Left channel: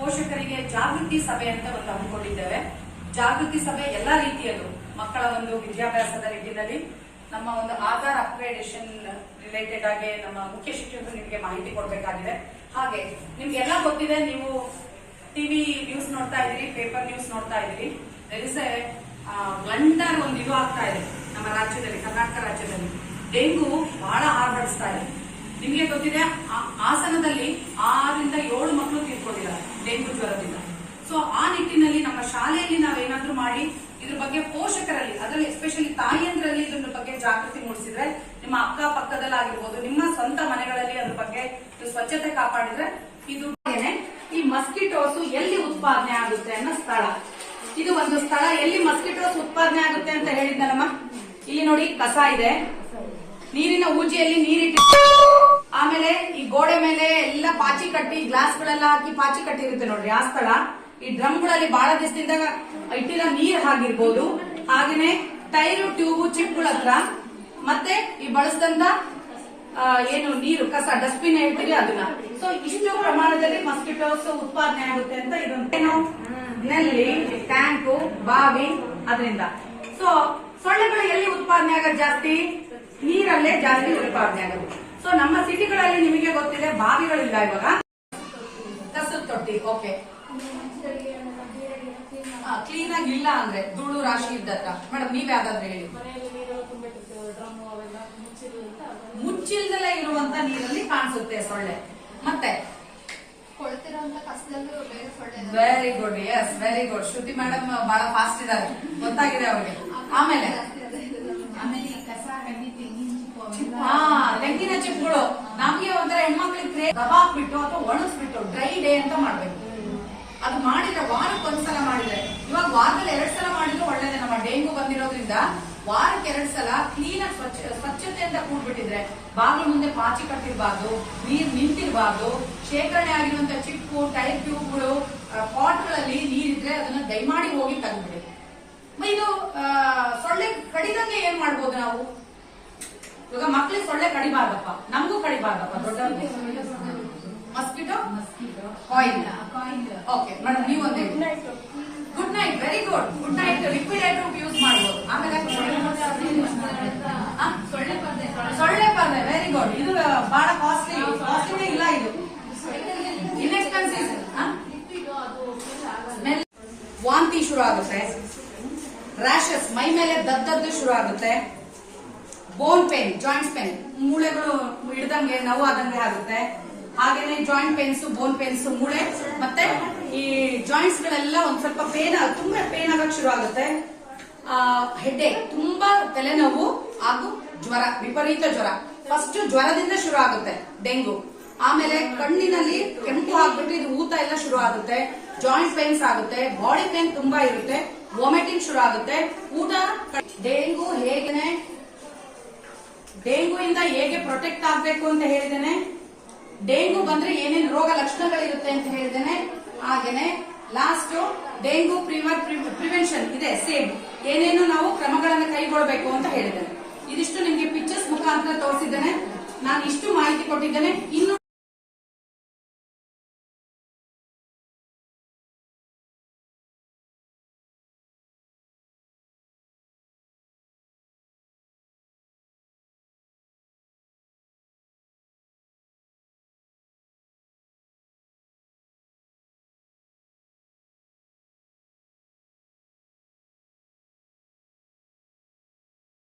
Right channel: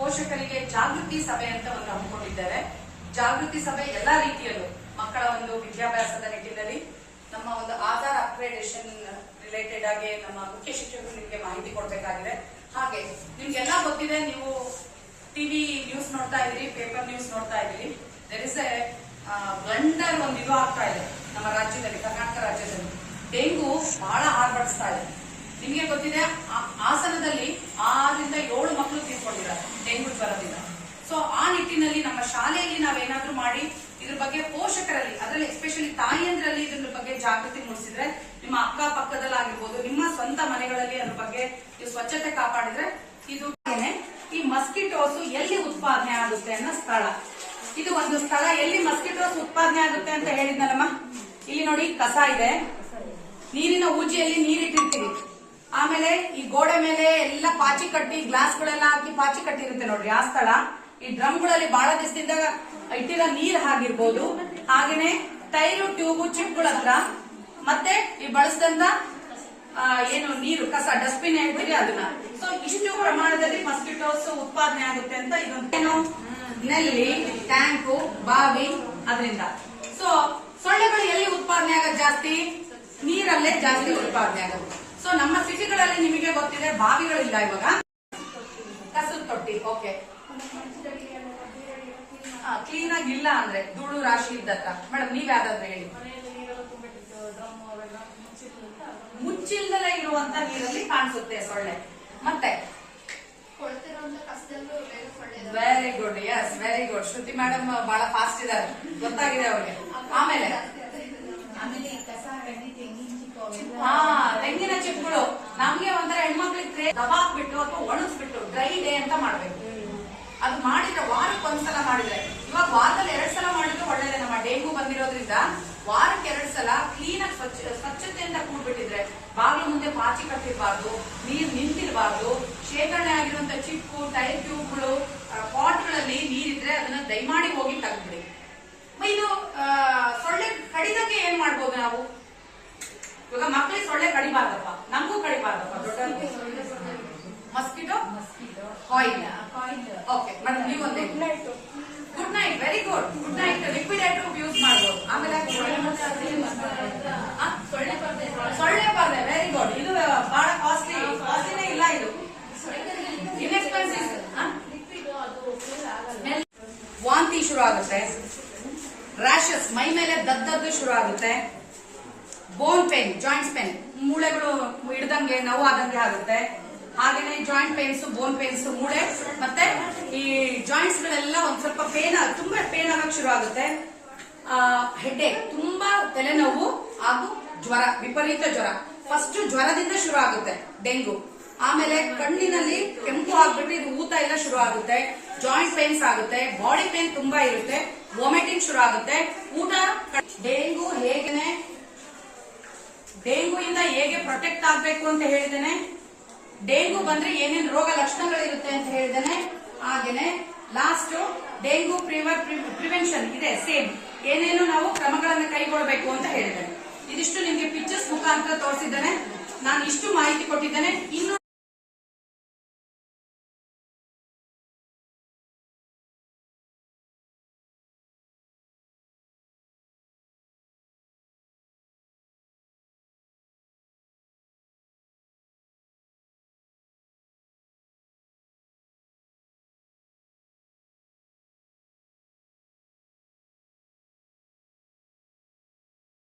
ಪೋಷಕರಿಗೆ ಜಾಗೃತಿ ಸಭೆ ಅಂತ ಒಂದು ಹಮ್ಮಿಕೊಂಡಿದ್ದೇವೆ. ಜಾಗೃತಿ ಸಭೆ ಎಲ್ಲಾ ರೀತಿಯಲ್ಲೂ ಮಕ್ಕಳ ಒಂದು ವಿದ್ಯಾಭ್ಯಾಸದ ನಿಟ್ಟಿನಲ್ಲಿ ನಮ್ಮ ಒಂದು ಆಧಾರ್ ಅಪ್ಗ್ರೇಡೇಷನ್ ರಿಲೇಟೆಡ್ ಆಗಿ ನಮ್ಮ ಮುಖ್ಯ ಶಿಕ್ಷಕರು ನಿಮಗೆ ಮಾಹಿತಿ ಕೊಡಬೇಕಾಗಿದೆ. ಹಾಗೆ ನಿಮ್ಗೆಲ್ಲ ಗೊತ್ತಿದೆ, ನೀವು ಟಿವಿ ನ್ಯೂಸ್ ನೋಡ್ತಾ ಇದ್ರಿ ಪೇಪರ್ ನ್ಯೂಸ್ ನೋಡ್ತಾ ಇದ್ರಿ ದರ್ ಇಸ್ ಎ ಬ್ಲಂಡರ್ ಒಂದು ಇದು ಆಗ್ತಾ ಇದೆ ನಮ್ಮ ರಾಜ್ಯದಲ್ಲಿ, ಕರ್ನಾಟಕ ರಾಜ್ಯದಲ್ಲಿ. ಡೆಂಗು ಬಹಳ ಆರ್ಭಡಿಸ್ತಾ ಇದೆ. ನಿಮಗೆ ಗೊತ್ತಿದೆ ಆಸನದಲ್ಲಿ ಆರರಿಂದ ಏಳು ಮಕ್ಕಳು ತೀರ್ಕೊಂಡಿದ್ದಾರೆ ಡೆಂಗು ಜ್ವರದಿಂದ ಸೊ ಆ ನಿಟ್ಟಿನಲ್ಲಿ ನಮ್ಮ ಶಾಲೆಯಲ್ಲಿ ನಾವೇನಾದ್ರೂ ಮಾಡಿ ಇದ್ರ ಬಗ್ಗೆ ಪೋಷಕರಲ್ಲಿ, ಅದರಲ್ಲಿ ಎಸ್ಪೆಷಲಿ ತಾಯಿಯಂದ್ರಲ್ಲಿ ಇದ್ರ ಬಗ್ಗೆ ಜಾಗೃತಿ ಮೂಡಿಸಿದ್ರೆ ನಿಮ್ಮ ಅಕ್ಕ ಪಕ್ಕದಲ್ಲಾಗಿರ್ಬೋದು, ನಿಮ್ಮ ಸ್ವಂತ ಮನೆಗಳಲ್ಲಿ ಅದ್ರ ಬಗ್ಗೆ ನೀವು ಸ್ವಚ್ಛತೆ ಕಾಪಾಡಿದ್ರೆ ಇದು ಈ ಮಸ್ಕಿಟೋಸ್ ಎಲ್ಲಿ ಉತ್ಪಾದನೆ ಆಗುತ್ತೆ ಅನ್ನೋ ಸ್ಥಳ. ಇದು ಒಂದು ಸ್ಥಳ, ಎಲ್ಲಿ ಮಸ್ಕಿಟೋಸ್ ಉತ್ಪಾದನೆ ಆಗುತ್ತೆ ಅಂತ ಹೇಳಿದ್ನಲ್ಲಮ್ಮ? ಇಲ್ಲಿ ನೋಡಿ, ಕಸ ಇದೆ. ನೀರಿನ ಊಜಿಯಲ್ಲಿ ನೀರಿಟ್ಟಿರ್ತೀವಿ. ಆಮೇಲೆ ಈ ಗೋಡೆ ಮೇಲೆ ಎಲ್ಲ ಪಾಚಿ ಕಟ್ಟಿ ಗ್ಲಾಸ್ ಗಳೆಲ್ಲ ಹಾಕಿ ಪಾಚಿ ಕಟ್ಟಿರುತ್ತೆ ನೋಡ್ರಿ, ಆ ಸ್ಥಳ. ಈ ಡ್ರಮ್ಗಳಲ್ಲಿ ಬಹಳ ದಿವಸದಿಂದ ಇಟ್ಟಿರೋ ನೀರ್ ಆಗಿರ್ಬೋದು ಹಾಗೇನೆ ಟೈರು, ಟ್ಯೂಬು, ಚಿಪ್ಗಳ ಹತ್ರ. ಮತ್ತೆ ಈ ಬಳಸಿದಂತ ಏನು ನೀರು, ಕಸ, ಡಸ್ಟ್ಬಿನ್ ಹೇಳ್ತೀವಿ ಅದನ್ನ. ಸೊ ಇಷ್ಟು ಪ್ರಮಾಣದಲ್ಲಿ ಮಸ್ಕಿಟೋಸ್ ಉತ್ಪಾದನೆ ಆಗುತ್ತೆ ಅಂತ ಇದೊಂದು ಏನು? ನಲ್ಲಿ, ಟ್ಯಾಂಕು, ಬಾವಿ ಅದರಿಂದ. ಸೊ ಸೊಳ್ಳೆಗಳು ಎಲ್ಲಿ ಉತ್ಪಾದನೆ ಆಗೋದು ಜಾಸ್ತಿ? ನೀರಲ್ಲೇ ಜಾಸ್ತಿ ಉತ್ಪಾದನೆ ಆಗೋದು. ಸೊ ನಮ್ಮ ಸಿಟಿಗಳಲ್ಲಿ ನಿಮಗೆ ಗೊತ್ತಿದೆ ಬಾವಿಗಳಿಲ್ಲ ಇವಾಗ. ಕಸದ ತೊಟ್ಟಿ ಓಕೆ ಕ್ಲೀನ್ ಆಗಿ ಇಲ್ಲ ಅಂದ್ರೆ ಧೂಳು ರಾಶಿ ಇದ್ದತ್ತ ಮೇಡಮ್ ನೀವ್ ಯಾವ್ದಾದ್ರು ಹೇಳಿ. ಮುಚ್ಚಿಲ್ದಲೇ ಇರುವಂತ ನೀರಲ್ಲಿ ಕಾಣಿಸುತ್ತೆ, ಸೊಳ್ಳೆ. ಮತ್ತೆ? Very good yes very good Shruti madam ಬಹಳ ಫಾಸ್ಟ್ ಇದ್ದಾರೆ. ಗೊತ್ತಾಗಿದೆ ಅವ್ರಿಗೆ. ಆಮೇಲೆ? ಹಾ, ತೆಂಗಿನ ಚಿಪ್ಪುಗಳು ನಮ್ಗೆ ಒಂಥರ ಹೆಣ್ಮಕ್ಳಿಗೆ ದಬಾಕ್ಬಿಟ್ಟು ಅಥವಾ ಒಣಗಿಸ್ಬಿಟ್ಟು ಡ್ರೈ ಡೇ ಅಂತ ಮಾಡ್ಬೇಕು. ಅದು ಮಾಡಿದ್ರೆ ವಾರಕ್ಕೆ ಒಂದ್ಸಲ ಮಾಡಿದ್ರೆ. ಇವಾಗ ವಾರದಲ್ಲಿ ಎರಡ್ ಸಲ ಮಾಡಿದ್ರೆ ಒಳ್ಳೇದೇ. ನಮ್ಮ ಡೆಂಗು ಬಂದಿರೋದ್ರಿಂದ ವಾರಕ್ಕೆ ಎರಡ್ ಸಲ ಕ್ಲೀನ್ ಆಗಿ ಸ್ವಚ್ಛ, ಸ್ವಚ್ಛತೆಯಿಂದ ಕೂಡ್ಬಿಟ್ಟಿದ್ರೆ. ಬಾಗಿಲು ಮುಂದೆ ಪಾಚಿ ಕಟ್ಟಿರ್ಬಾರ್ದು, ನೀರ್ ನಿಂತಿರ್ಬಾರ್ದು. ಶೇಖರಣೆ ಆಗಿರುವಂತ ಚಿಪ್ಪು ಟೈರ್ ಟ್ಯೂಬ್ಗಳು ಪಾಟ್ಗಳಲ್ಲಿ ನೀರಿದ್ರೆ ಅದನ್ನ ದಯಮಾಡಿ ಹೋಗಿ ತೆಗೆದ್ಬಿಡಿ. ಇದು ಸೊಳ್ಳೆ ಕಡಿದಂಗೆ ಏನ್ ಮಾಡ್ಬೋದು ನಾವು? ಇವಾಗ ಮಕ್ಳಿಗೆ ಸೊಳ್ಳೆ ಕಡಿಬಾರ್ದಪ್ಪ. ನಮಗೂ ಕಡಿಬಾರ್ದಪ್ಪ. ದೊಡ್ಡ mosquito coil coil okay madam ನೀವು ಒಂದು good night very good good night liquid item use ಮಾಡ್ಬೋದು. ಆಮೇಲೆ? ಸೊಳ್ಳೆ ಪರ್ದೆ ಸೊಳ್ಳೆ ಪರ್ದೆ. ವೆರಿ ಗುಡ್ ಇದು ಬಹಳ ಕಾಸ್ಟ್ಲಿ ಕಾಸ್ಟ್ಲಿನೇ ಇಲ್ಲ ಇದು. ಇನ್ಎಕ್ಸ್ಪೆನ್ಸಿವ್ ಸ್ಮೆಲ್ ವಾಂತಿ ಶುರು ಆಗುತ್ತೆ ರ್ಯಾಷಸ್ ಮೈ ಮೇಲೆ ದದ್ದದ್ದು ಶುರು ಆಗುತ್ತೆ ಬೋನ್ ಪೇನ್ ಜಾಯಿಂಟ್ಸ್ ಪೇನ್ ಮೂಳೆಗಳು ಹಿಡ್ದಂಗೆ ನೋವು ಆದಂಗೆ ಆಗುತ್ತೆ. ಹಾಗೇನೆ ಜಾಯಿಂಟ್ ಪೇನ್ಸ್ ಬೋನ್ ಪೇನ್ಸ್ ಮೂಳೆ, ಮತ್ತೆ ಈ ಜಾಯಿಂಟ್ಸ್ ಗಳೆಲ್ಲ ಒಂದ್ ಸ್ವಲ್ಪ ಪೇನ್ ತುಂಬಾ ಪೇನ್ ಆಗಕ್ ಶುರು ಆಗುತ್ತೆ. ಹೆಡ್ಡೇಕ್ ತುಂಬಾ ತಲೆನೋವು ಹಾಗೂ ಜ್ವರ, ವಿಪರೀತ ಜ್ವರ. ಫಸ್ಟ್ ಜ್ವರದಿಂದ ಶುರು ಆಗುತ್ತೆ ಡೆಂಗು. ಆಮೇಲೆ ಕಣ್ಣಿನಲ್ಲಿ ಕೆಂಪು ಆಗ್ಬಿಟ್ಟು ಇದು ಊತ ಎಲ್ಲ ಶುರು ಆಗುತ್ತೆ. ಜಾಯಿಂಟ್ ಪೇನ್ಸ್ ಆಗುತ್ತೆ ಬಾಡಿ ಪೇನ್ ತುಂಬಾ ಇರುತ್ತೆ ವಾಮಿಟಿಂಗ್ ಶುರು ಆಗುತ್ತೆ. ಊಟ, ಡೆಂಗು ಹೇಗೆ ಡೆಂಗು ಇಂದ ಹೇಗೆ ಪ್ರೊಟೆಕ್ಟ್ ಆಗ್ಬೇಕು ಅಂತ ಹೇಳಿದ್ದೇನೆ. ಡೆಂಗು ಬಂದ್ರೆ ಏನೇನು ರೋಗ ಲಕ್ಷಣಗಳಿರುತ್ತೆ ಅಂತ ಹೇಳಿದ್ದೇನೆ. ಹಾಗೇನೆ ಲಾಸ್ಟ್ ಡೆಂಗು ಪ್ರಿವೆನ್ಷನ್ ಇದೆ ಸೇಮ್ ಏನೇನು ನಾವು ಕ್ರಮಗಳನ್ನು ಕೈಗೊಳ್ಳಬೇಕು ಅಂತ ಹೇಳಿದ್ದೇನೆ. ಇದಿಷ್ಟು ನಿಮಗೆ ಪಿಕ್ಚರ್ಸ್ ಮುಖಾಂತರ ತೋರಿಸಿದ್ದೇನೆ. ನಾನು ಇಷ್ಟು ಮಾಹಿತಿ ಕೊಟ್ಟಿದ್ದೇನೆ. ಇನ್ನು